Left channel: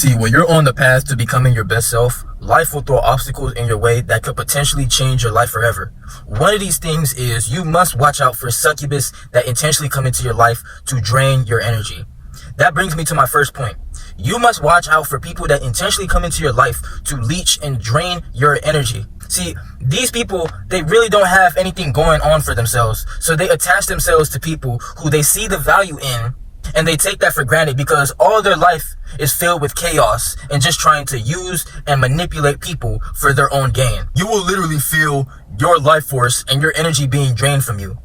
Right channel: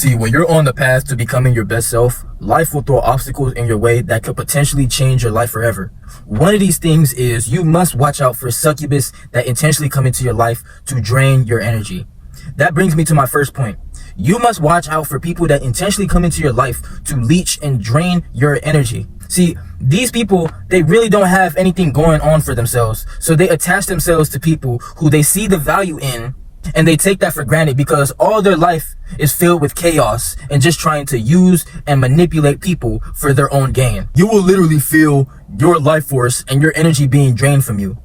See, when you're on the path to becoming your best self, life will throw obstacles in your way that could potentially change your life forever. One of these things is you must watch out for succubus that intentionally come into your life to drain your energy. That brings me to my first point. You must watch out for people that intentionally come into your life to leech and drain your energy. See, these people, they really don't have anything going on for themselves. So they attach themselves to people who they see the value in, and they take that for granted because all their life is filled with chaos and just trying to use and manipulate people for their own gain. You will literally feel your life force and your energy being drained from you.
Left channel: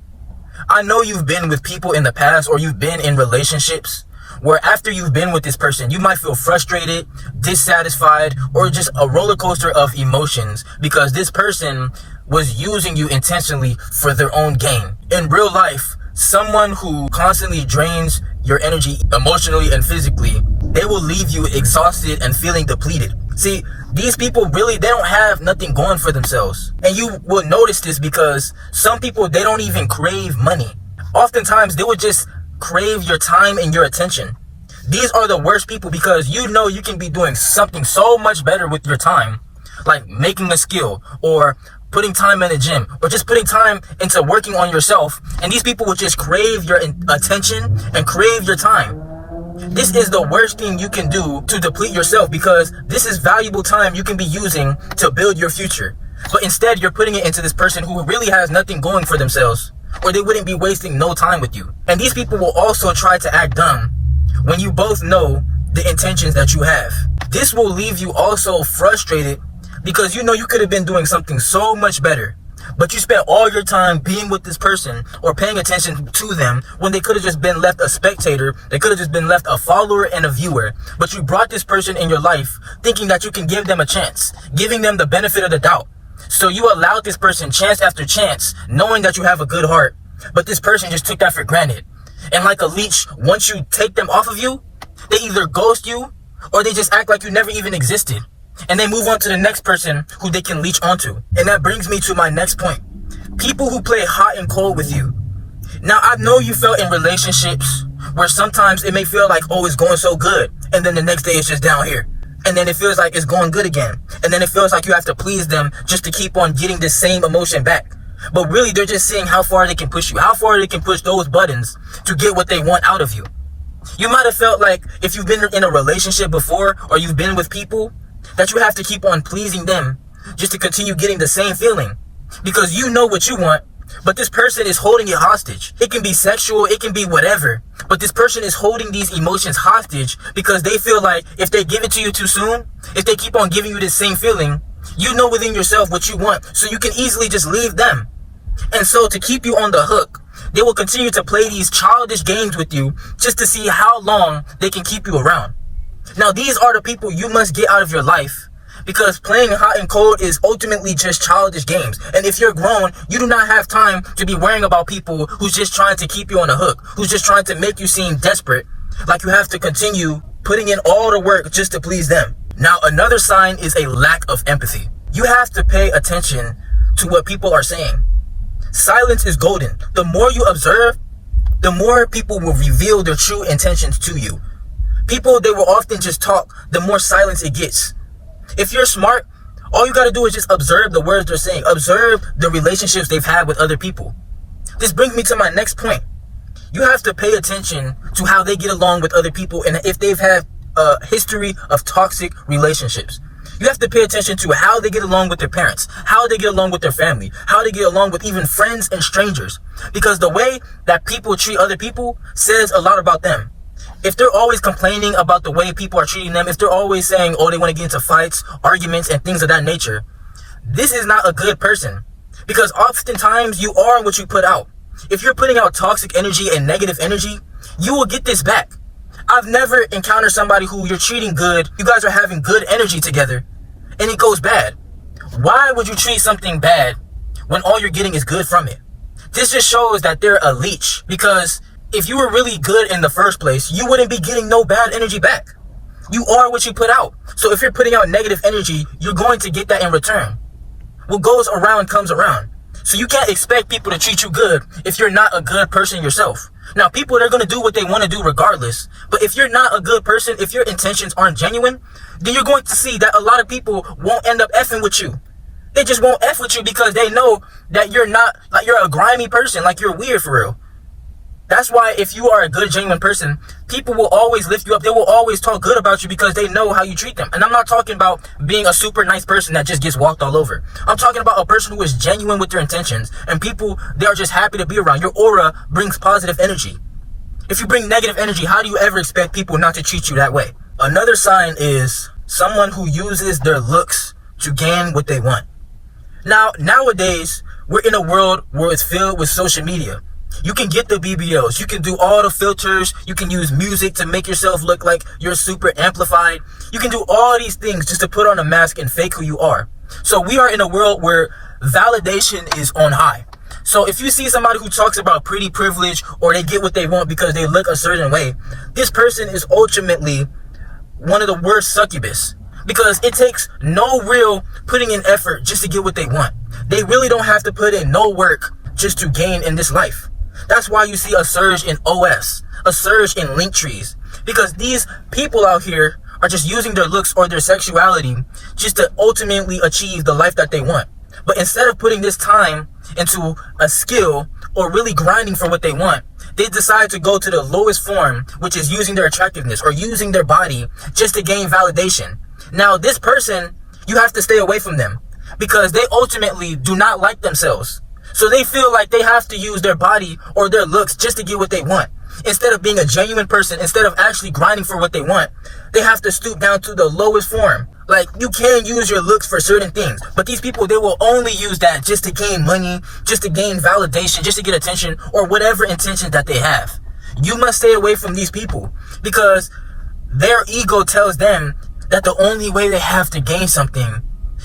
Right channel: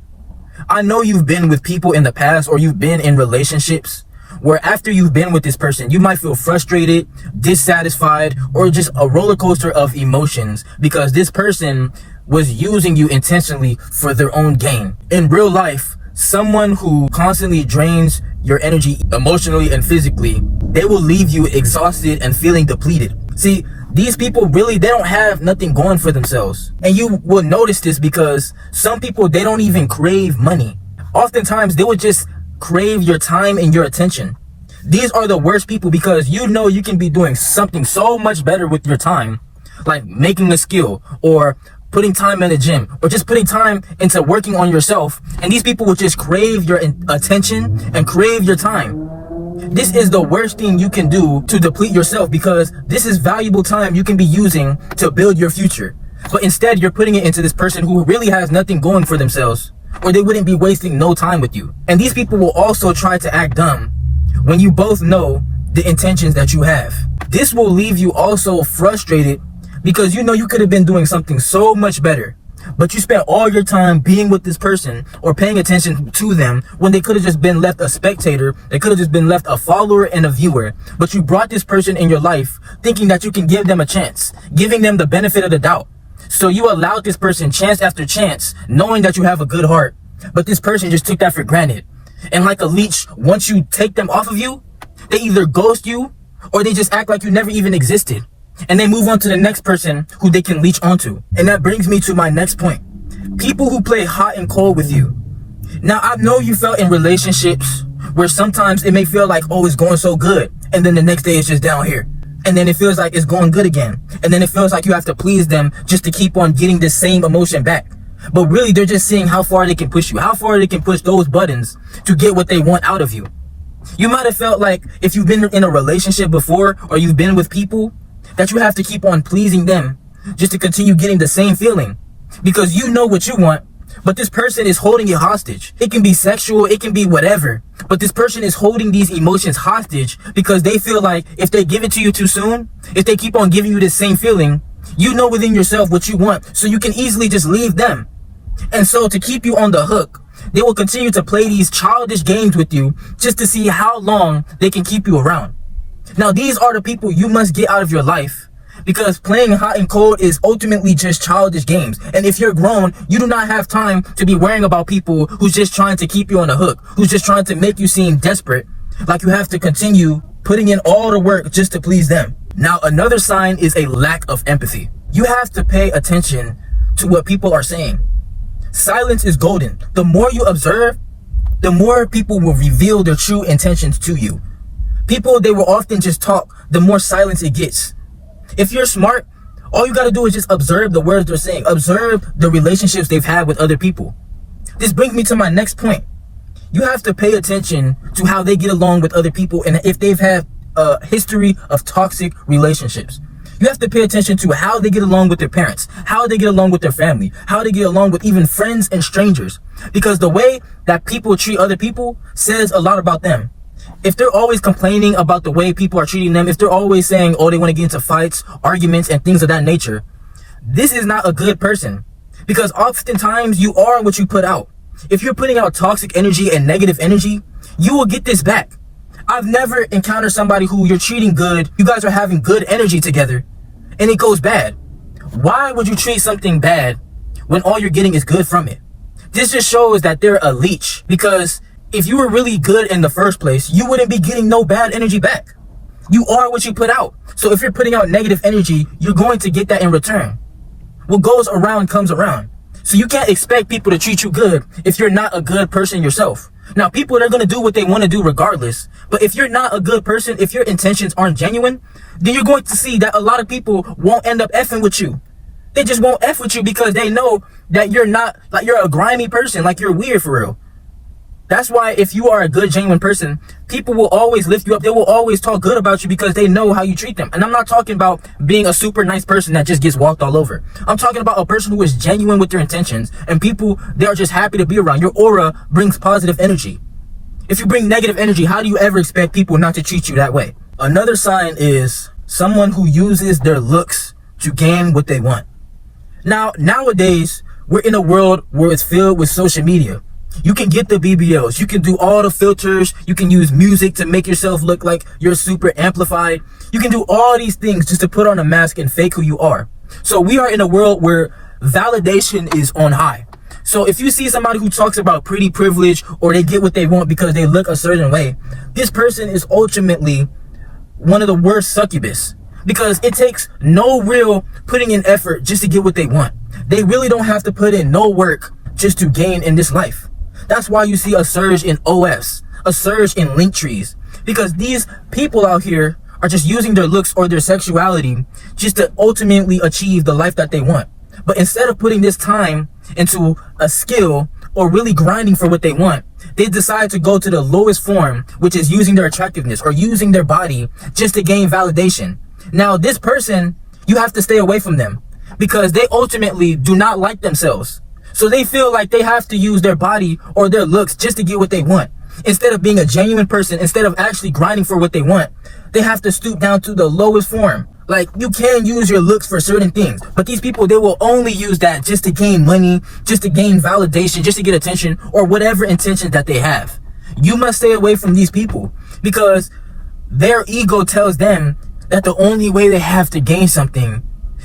I know you've been with people in the past, or you've been in relationships where after you've been with this person, you might feel frustrated, dissatisfied, or just a roller coaster of emotions because this person was using you intentionally for their own gain. In real life, someone who constantly drains your energy emotionally and physically, they will leave you exhausted and feeling depleted. See, these people really, they don't have nothing going for themselves. And you will notice this because some people, they don't even crave money. Oftentimes, they will just crave your time and your attention. These are the worst people because you know you can be doing something so much better with your time, like making a skill or putting time in the gym or just putting time into working on yourself, and these people will just crave your attention and crave your time. This is the worst thing you can do to deplete yourself because this is valuable time you can be using to build your future. But instead, you're putting it into this person who really has nothing going for themselves, or they wouldn't be wasting no time with you. And these people will also try to act dumb when you both know the intentions that you have. This will leave you also frustrated because you know you could have been doing something so much better, but you spent all your time being with this person or paying attention to them when they could have just been left a spectator. They could have just been left a follower and a viewer. But you brought this person in your life thinking that you can give them a chance, giving them the benefit of the doubt. So you allowed this person chance after chance, knowing that you have a good heart, but this person just took that for granted. And like a leech, once you take them off of you, they either ghost you or they just act like you never even existed. And they move on to the next person who they can leech onto. And that brings me to my next point. People who play hot and cold with you. Now, I know you felt in relationships where sometimes it may feel like, oh, it's going so good, and then the next day it's just down here. And then it feels like it's going good again. And then it feels like you have to please them just to keep on getting the same emotion back. But really, they're just seeing how far they can push you, how far they can push those buttons to get what they want out of you. You might have felt like if you've been in a relationship before, or you've been with people, that you have to keep on pleasing them just to continue getting the same feeling. Because you know what you want, but this person is holding you hostage. It can be sexual, it can be whatever, but this person is holding these emotions hostage because they feel like if they give it to you too soon, if they keep on giving you the same feeling, you know within yourself what you want, so you can easily just leave them. And so to keep you on the hook, they will continue to play these childish games with you just to see how long they can keep you around. Now, these are the people you must get out of your life because playing hot and cold is ultimately just childish games. And if you're grown, you do not have time to be worrying about people who's just trying to keep you on the hook, who's just trying to make you seem desperate, like you have to continue putting in all the work just to please them. Now, another sign is a lack of empathy. You have to pay attention to what people are saying. Silence is golden. The more you observe, the more people will reveal their true intentions to you. People, they will often just talk, the more silence it gets. If you're smart, all you gotta do is just observe the words they're saying. Observe the relationships they've had with other people. This brings me to my next point. You have to pay attention to how they get along with other people and if they've had a history of toxic relationships. You have to pay attention to how they get along with their parents, how they get along with their family, how they get along with even friends and strangers. Because the way that people treat other people says a lot about them. If they're always complaining about the way people are treating them, if they're always saying, oh, they want to get into fights, arguments, and things of that nature, this is not a good person. Because oftentimes you are what you put out. If you're putting out toxic energy and negative energy, you will get this back. I've never encountered somebody who you're treating good, you guys are having good energy together, and it goes bad. Why would you treat something bad when all you're getting is good from it? This just shows that they're a leech, because if you were really good in the first place, you wouldn't be getting no bad energy back. You are what you put out. So if you're putting out negative energy, you're going to get that in return. What goes around comes around. So you can't expect people to treat you good if you're not a good person yourself. Now, people, they're going to do what they want to do regardless. But if you're not a good person, if your intentions aren't genuine, then you're going to see that a lot of people won't end up effing with you. They just won't F with you because they know that you're not, like, you're a grimy person, like you're weird for real. That's why if you are a good, genuine person, people will always lift you up. They will always talk good about you because they know how you treat them. And I'm not talking about being a super nice person that just gets walked all over. I'm talking about a person who is genuine with their intentions, and people, they are just happy to be around. Your aura brings positive energy. If you bring negative energy, how do you ever expect people not to treat you that way? Another sign is someone who uses their looks to gain what they want. Now, nowadays, we're in a world where it's filled with social media. You can get the BBLs, you can do all the filters, you can use music to make yourself look like you're super amplified. You can do all these things just to put on a mask and fake who you are. So we are in a world where validation is on high. So if you see somebody who talks about pretty privilege or they get what they want because they look a certain way, this person is ultimately one of the worst succubus, because it takes no real putting in effort just to get what they want. They really don't have to put in no work just to gain in this life. That's why you see a surge in OS, a surge in link trees, because these people out here are just using their looks or their sexuality just to ultimately achieve the life that they want. But instead of putting this time into a skill or really grinding for what they want, they decide to go to the lowest form, which is using their attractiveness or using their body just to gain validation. Now, this person, you have to stay away from them because they ultimately do not like themselves. So they feel like they have to use their body or their looks just to get what they want. Instead of being a genuine person, instead of actually grinding for what they want, they have to stoop down to the lowest form. Like, you can use your looks for certain things, but these people, they will only use that just to gain money, just to gain validation, just to get attention, or whatever intention that they have. You must stay away from these people because their ego tells them that the only way they have to gain something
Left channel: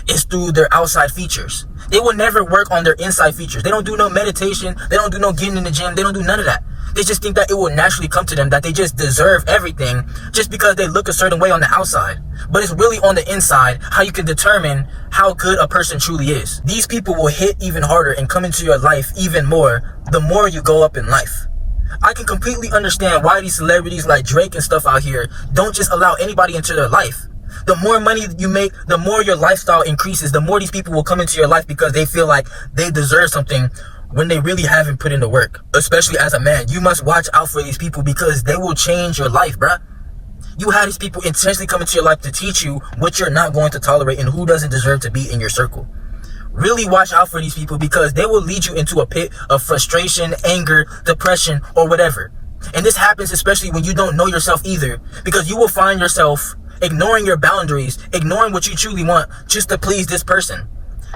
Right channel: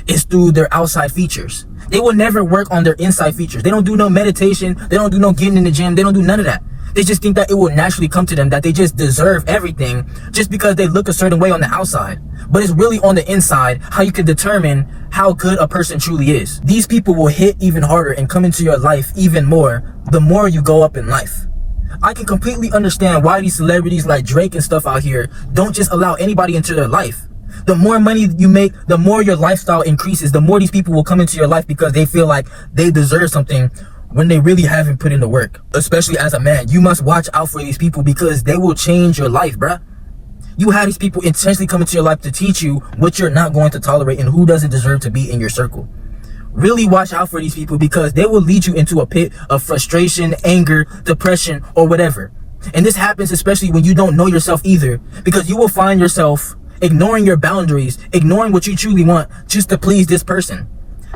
is through their outside features. They will never work on their inside features. They don't do no meditation. They don't do no getting in the gym. They don't do none of that. They just think that it will naturally come to them, that they just deserve everything just because they look a certain way on the outside. But it's really on the inside how you can determine how good a person truly is. These people will hit even harder and come into your life even more the more you go up in life. I can completely understand why these celebrities like Drake and stuff out here don't just allow anybody into their life. The more money you make, the more your lifestyle increases, the more these people will come into your life because they feel like they deserve something when they really haven't put in the work. Especially as a man, you must watch out for these people because they will change your life, bruh. You have these people intentionally come into your life to teach you what you're not going to tolerate and who doesn't deserve to be in your circle. Really watch out for these people because they will lead you into a pit of frustration, anger, depression, or whatever. And this happens especially when you don't know yourself either, because you will find yourself ignoring your boundaries, ignoring what you truly want just to please this person.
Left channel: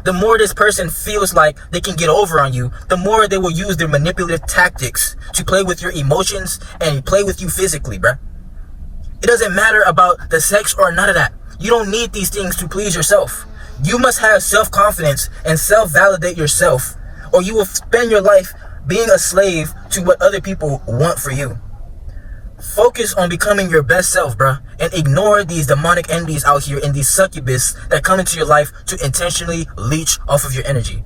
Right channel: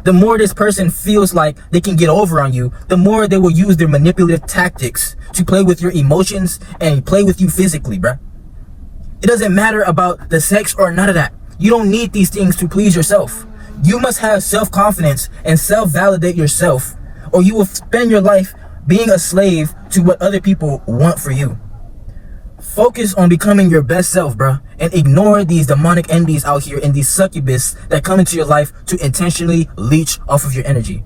The more this person feels like they can get over on you, the more they will use their manipulative tactics to play with your emotions and play with you physically, bruh. It doesn't matter about the sex or none of that. You don't need these things to please yourself. You must have self-confidence and self-validate yourself, or you will spend your life being a slave to what other people want for you. Focus on becoming your best self, bruh, and ignore these demonic entities out here and these succubus that come into your life to intentionally leech off of your energy.